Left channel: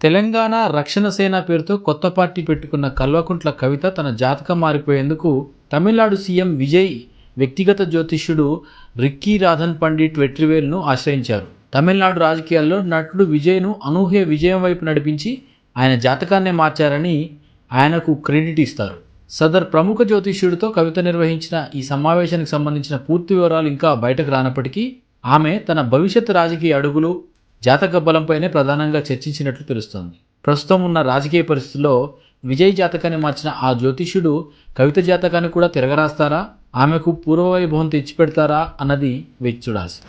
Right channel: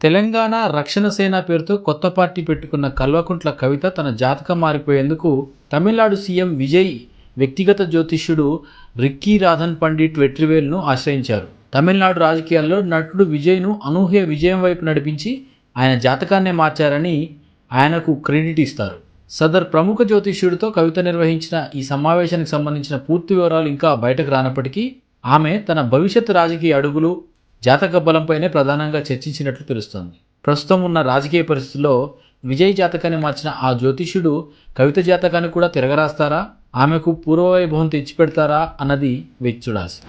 తెలంగాణ రక్షణ సేన పేరుతో కొత్త పార్టీ పెట్టుకున్న కల్వకుంట్ల కవిత తన జాతకం మారిపోయేందుకు తమిళనాడు సీఎం విజయ్ వ్యక్తిగత జ్యోతిష్యుడు రిక్కీ రాధన్ పండిట్ వెట్రివేల్ను ఆశ్రయించారు. తమిళనాడు రాజకీయాల్లో నటుడు విజయ్ను అనూహ్య విజయం వైపు నడిపించి ఆయన జాతకాన్నే మార్చారని ఆయనకు క్రెడిట్ ఇస్తారు. సదర్ ప్రముఖ జ్యోతిష్యుడితో కవిత నిర్వహించిన ఈ సమావేశానికి సంబంధించిన పూర్తి వివరాలు ఇంకా బయటకు రానప్పటికీ ఆమె తన భవిష్యత్ రాజకీయ అడుగులు, జాతక బలంపైనే ప్రధానంగా చర్చించినట్లు తెలుస్తోంది. ప్రస్తుతం ఉన్న రాజకీయ పరిస్థితుల్లో విజయ్ జాతకాన్ని మార్చిన ఆ జ్యోతిష్యుడు కవిత జాతకాన్ని కూడా తిరగరాస్తారా, ఆమెకు పూర్వవైభవం తెచ్చిపెడతారా అన్నది వేచి చూడాల్సి.